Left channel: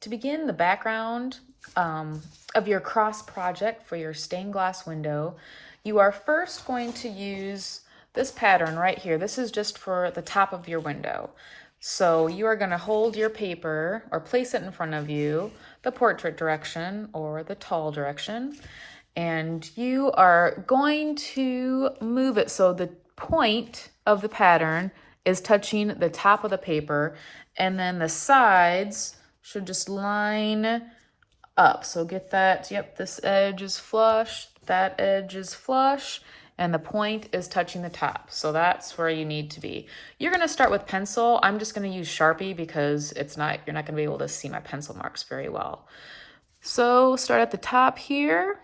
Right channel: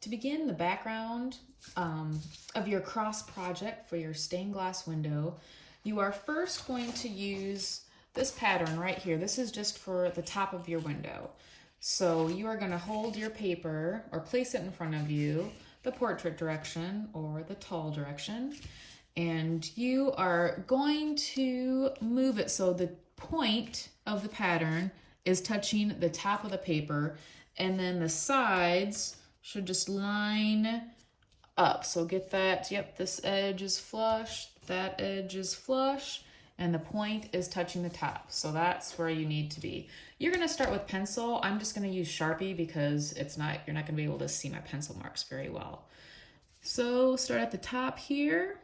To begin the background of your cross project for your stained glass window, you are first going to use this pattern right here. This is just for the top of your window. So you are going to hold your paper or place it in front of you, the portrait direction or the tall direction, and you are going to move it so the point of the pattern is touching the top of the paper, and then the sides should just line up. So get that, yep, this edge is flush, that edge is flush, and the point is touching the top. So that's where you need to be. You're gonna start with pencil. I'm just gonna use Sharpie because you're not gonna be able to see my pencil marks very well. So start at the top here.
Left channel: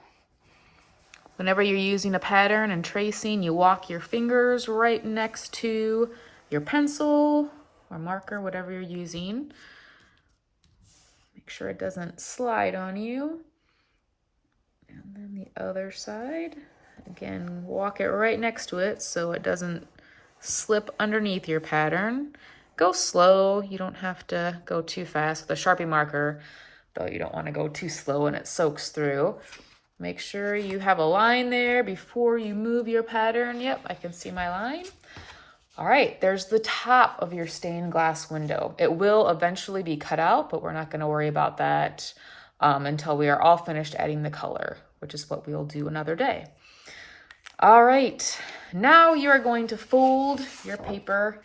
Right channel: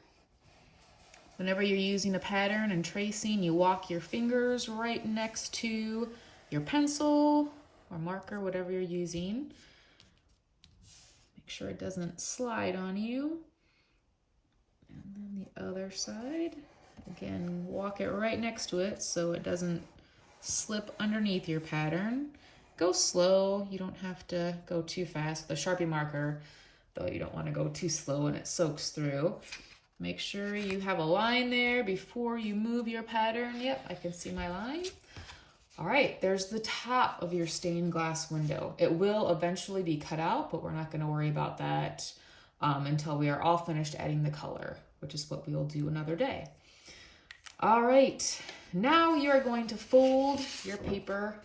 Whenever you're using a pattern and tracing, you walk your fingers right next to your pencil or marker, whatever you're using. Make sure it doesn't slide on you. And then the other side. Again, walk it right next to it so it doesn't slip underneath your pattern. Go slow, you don't have to go too fast. With a Sharpie marker, though, you don't want to go too slow and it soaks through. Make sure you have a line there before you move your pattern. Yep, I can see my line. All right, there's the top of your stained glass window. It will eventually be cut out, but we're not going to worry about that until we are all finished adding the color, which is what we'll do another day. All right, now you are going to fold your paper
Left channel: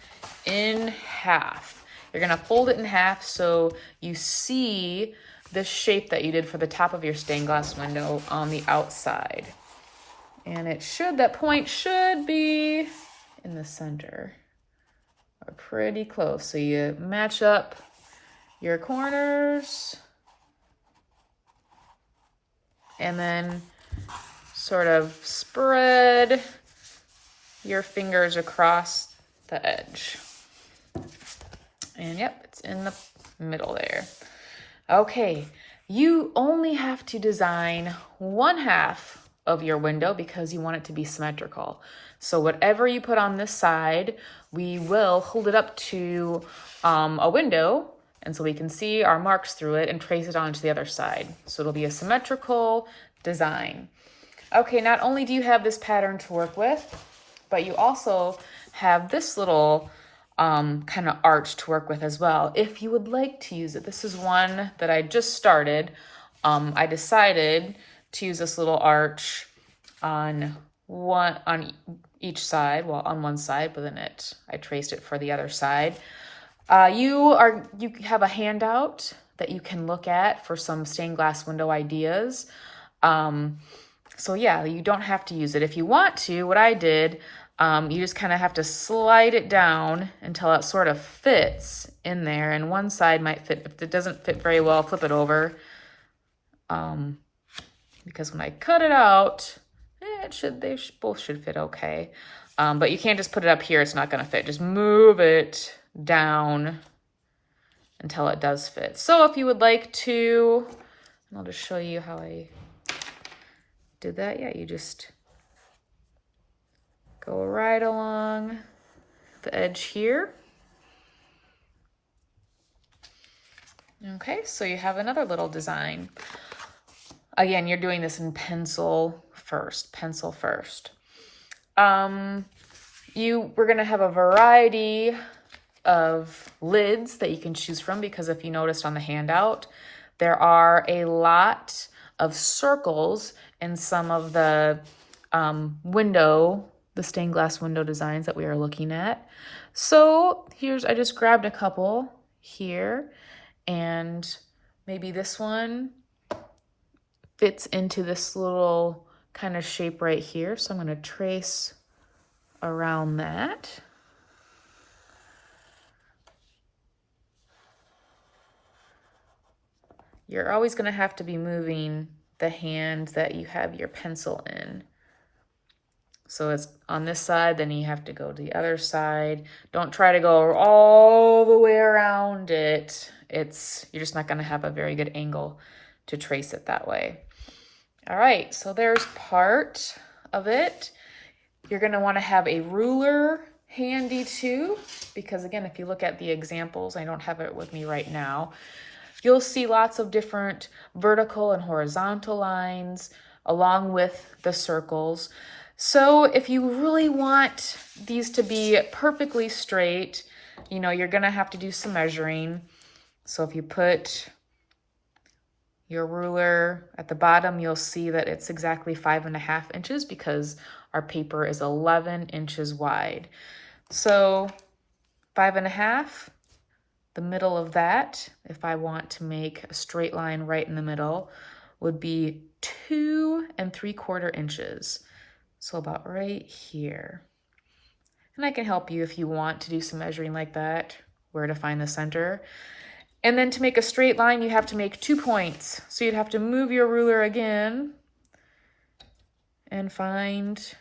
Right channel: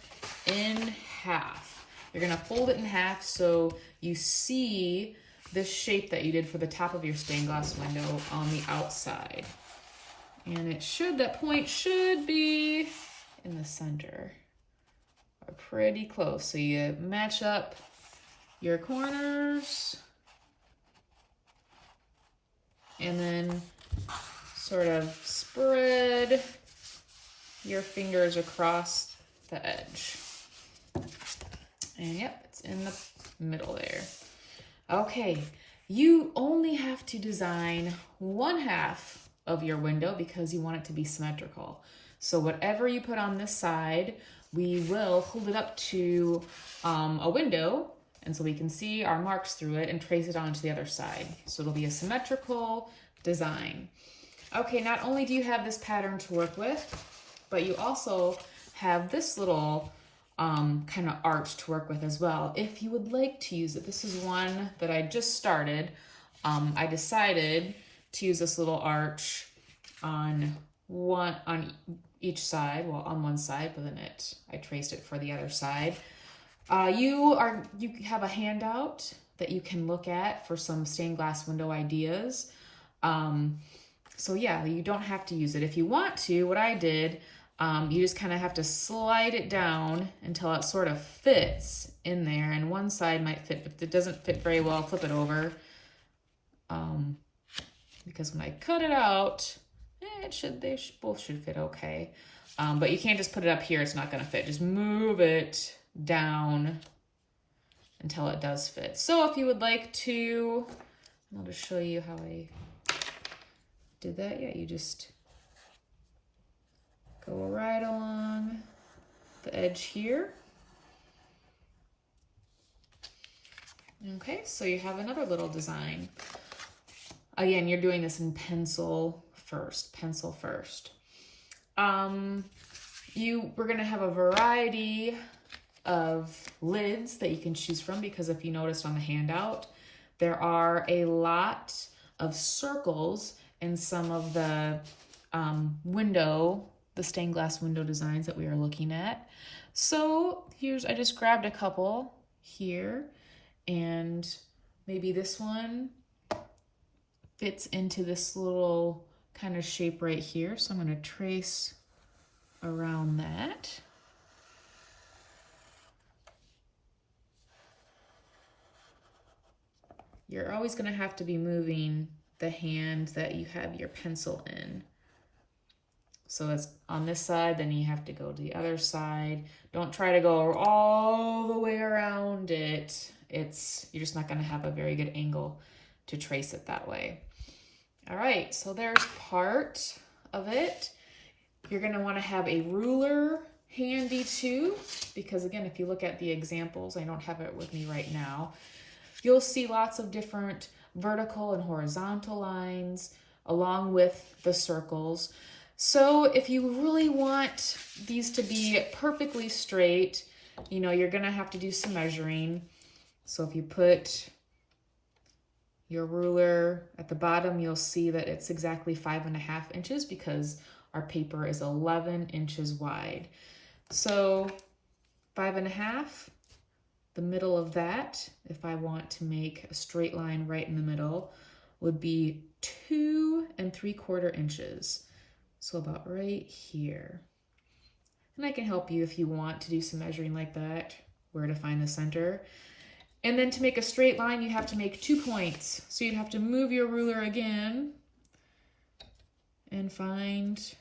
in half. You're gonna fold it in half so you see the shape that you did for the top of your stained glass window on the outside. And that point should be in the center or pretty close. So you match up your corners and then sort of spread your fingers across the edge. And yep, it's in the middle there. Okay, you only have to design one half of your window because you want it to be symmetrical. So whatever you put on this side, we will hold it up to a window, and so we can see our marks through it and trace it onto the other side. So it'll be a symmetrical design. Okay, not only do you have this pattern to work with, but you also have this little kind of arch to work with as well, if you would like to use it. This is one that I just started. I decided to use this little arch on each side, well, on one side, but then I traced it for the other side. You have a handout that you can look at for some stained glass window ideas. So yeah, you don't have to use it. If you want to, what I did, you just kind of have to slide it down until it sort of fits in there, and one side might fit. If it doesn't fit very well, flip it over. Because when I cut it out, they both should fit okay. But you can't just put it up here, it's not gonna fit. Just move it down until it does fit. So if you would like to, I'll just show you how I did that. Yeah, you just go right along the edge here. Okay, so you have another little design. Again, you're doing this in pencil first. We're gonna have a variety of lids that you can choose from, because if you noticed on the handout, there are a lot of circles in some of the the stained glass window designs that we are looking at. So I just grabbed a couple here, and maybe this one fits into this little kind of shape right here. So I'm gonna trace around that. You're always gonna have to be moving the hand that you have your pencil in. So it's on this side, then you have to go to the other side. Don't try to go all the way around it. You're just not gonna have a very good angle to trace it that way. All right, so there's part of it. You're gonna wanna have a ruler handy too, because again, if you look at the examples, I don't have it with me right now, you'll see lots of different vertical and horizontal lines along with the circles. So if you really want these to be perfectly straight, you know, you're gonna have to do some measuring. So if you put your ruler at the bottom, you'll see that it's exactly 5.5 inches because our paper is 11 inches wide. So 5.5, the middle of that, if I want to make a straight line right in the middle, would be 2 3/4 inches. So about right here. And I can help you if you want to do some measuring like that, where to find the center. And then to make a straight line, you have to make 2 points. So you'd have to move your ruler again and find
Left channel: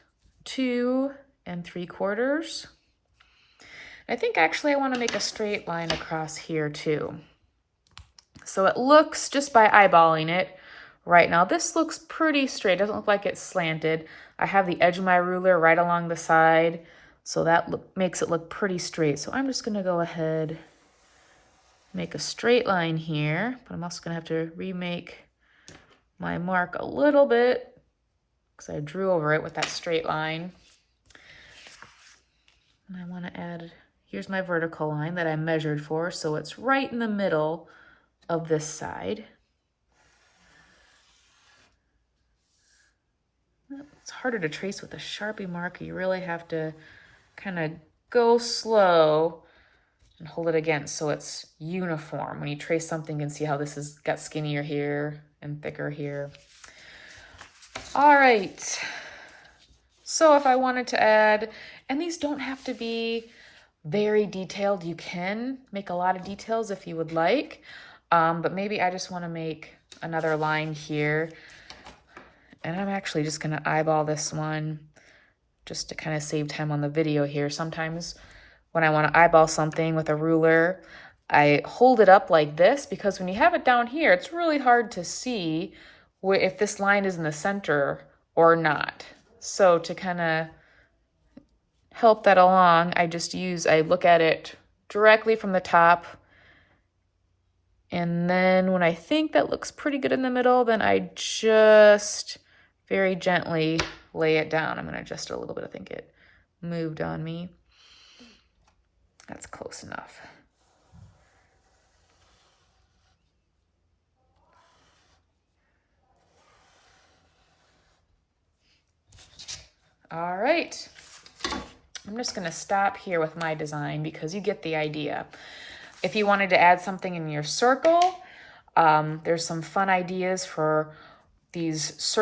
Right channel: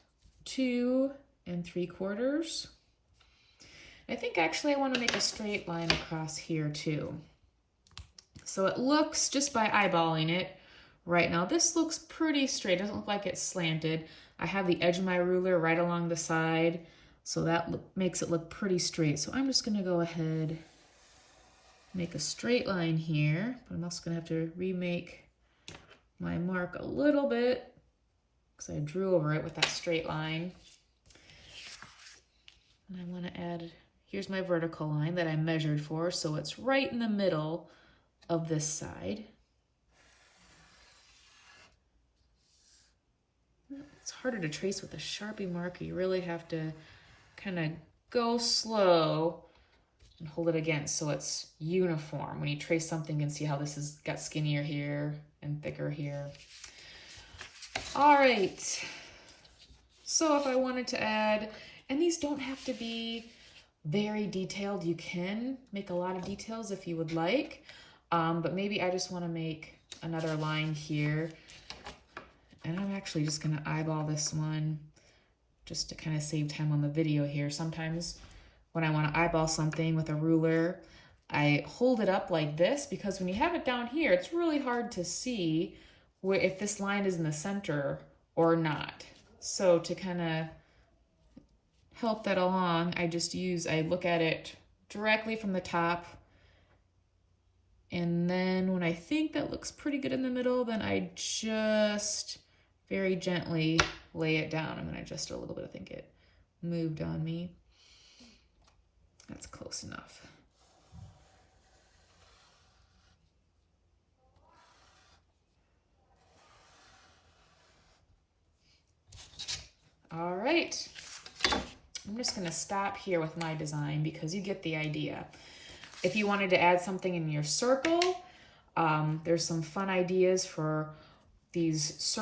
2 3/4. I think actually I want to make a straight line across here too. So it looks, just by eyeballing it right now, this looks pretty straight. It doesn't look like it's slanted. I have the edge of my ruler right along the side, so that makes it look pretty straight. So I'm just gonna go ahead, make a straight line here, but I'm also gonna have to remake my mark a little bit because I drew over it with that straight line. And I wanna add, here's my vertical line that I measured for, so it's right in the middle of this side. It's harder to trace with a Sharpie marker. You really have to kind of go slow and hold it against so it's uniform. When you trace something, you can see how this has got skinnier here and thicker here. All right. So if I wanted to add, and these don't have to be very detailed, you can make a lot of details if you would like, but maybe I just want to make another line here. And I'm actually just gonna eyeball this one just to kind of save time on the video here. Sometimes when I wanna eyeball something with a ruler, I hold it up like this, because when you have it down here, it's really hard to see if this line is in the center or not. So to kind of help that along, I look at it directly from the top. And then when I think that looks pretty good in the middle, then I just very gently lay it down. I'm gonna adjust it a little bit. I think it moved on me. That's close enough. All right, I'm just gonna stop here with my design because you get the idea. If you wanted to add something in your circle, there's some fun ideas for these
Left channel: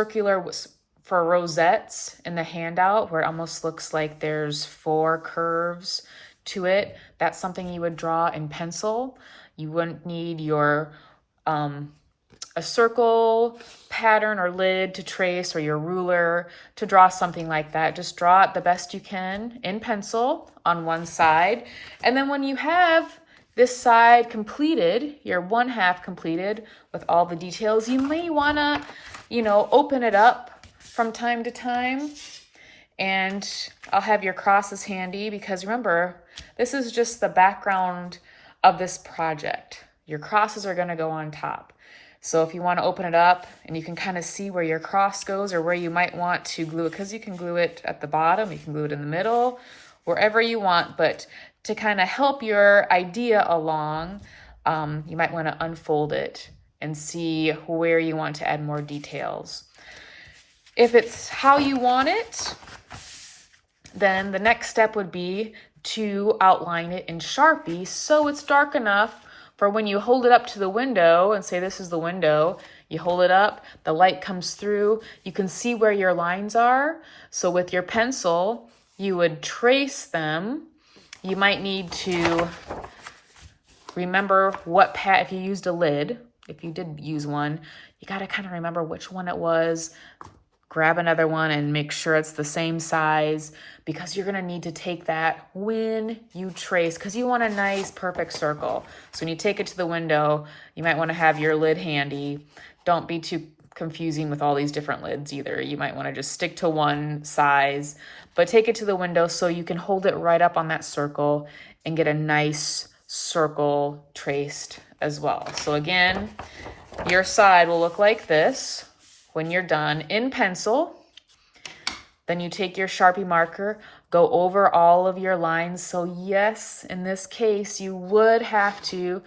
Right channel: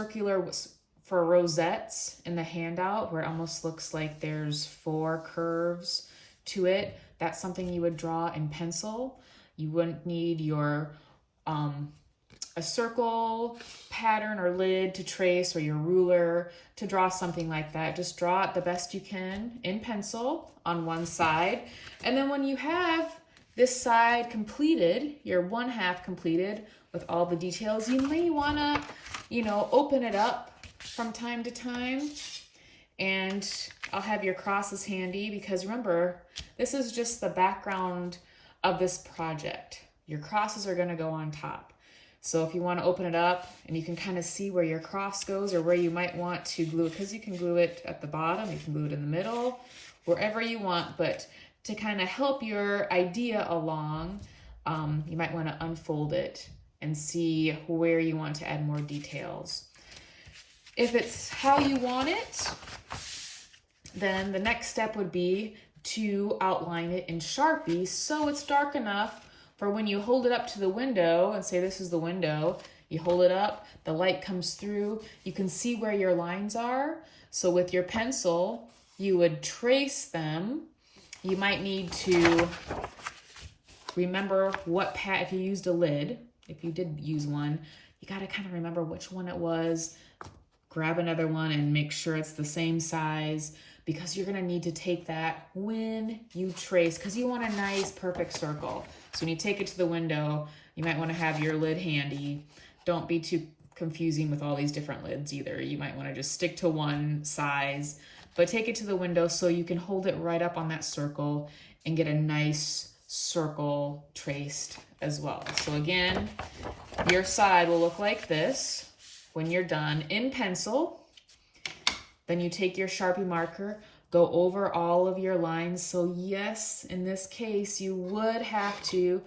for rosettes in the handout, where it almost looks like there's 4 curves to it. That's something you would draw in pencil. You wouldn't need your a circle pattern or lid to trace, or your ruler to draw something like that. Just draw it the best you can in pencil on one side. And then when you have this side completed, your 1/2 completed with all the details, you may wanna, open it up from time to time. And I'll have your crosses handy, because remember, this is just the background of this project. Your crosses are gonna go on top. So if you wanna open it up and you can kind of see where your cross goes, or where you might want to glue it, because you can glue it at the bottom, you can glue it in the middle, wherever you want, but to kind of help your idea along, you might want to unfold it and see where you want to add more details. If it's how you want it, then the next step would be to outline it in Sharpie so it's dark enough for when you hold it up to the window and say this is the window, you hold it up, the light comes through, you can see where your lines are. So with your pencil, you would trace them. You might need to remember if you used a lid, if you did use one, you got to kind of remember which one it was. Grab another one and make sure it's the same size, because you're going to need to take that when you trace, because you want a nice perfect circle. So when you take it to the window, you might want to have your lid handy. Don't be too confusing with all these different lids either. You might want to just stick to one size, but take it to the window so you can hold it right up on that circle and get a nice circle traced as well. So again, your side will look like this when you're done in pencil. Then you take your Sharpie marker, go over all of your lines. So yes, in this case, you would have to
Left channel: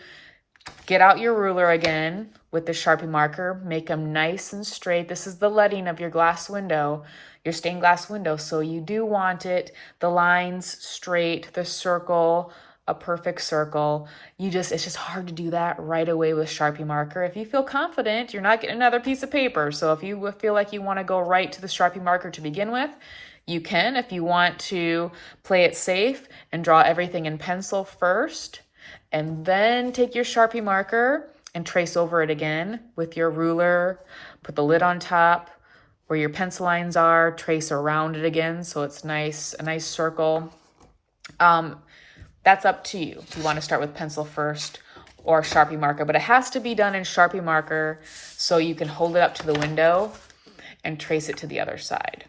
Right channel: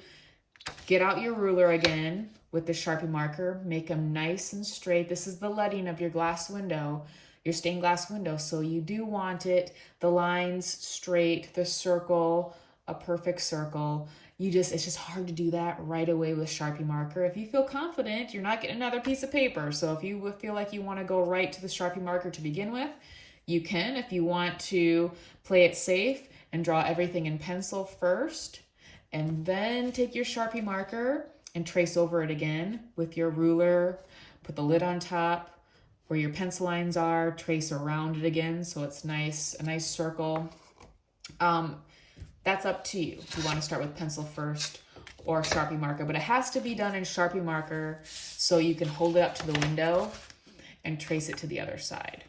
get out your ruler again with the Sharpie marker, make them nice and straight. This is the leading of your glass window, your stained glass window. So you do want it, the lines straight, the circle, a perfect circle. It's just hard to do that right away with Sharpie marker. If you feel confident, you're not getting another piece of paper. So if you feel like you want to go right to the Sharpie marker to begin with, you can. If you want to play it safe and draw everything in pencil first, and then take your Sharpie marker and trace over it again with your ruler, put the lid on top where your pencil lines are, trace around it again so it's nice, a nice circle. That's up to you if you want to start with pencil first or Sharpie marker, but it has to be done in Sharpie marker so you can hold it up to the window and trace it to the other side.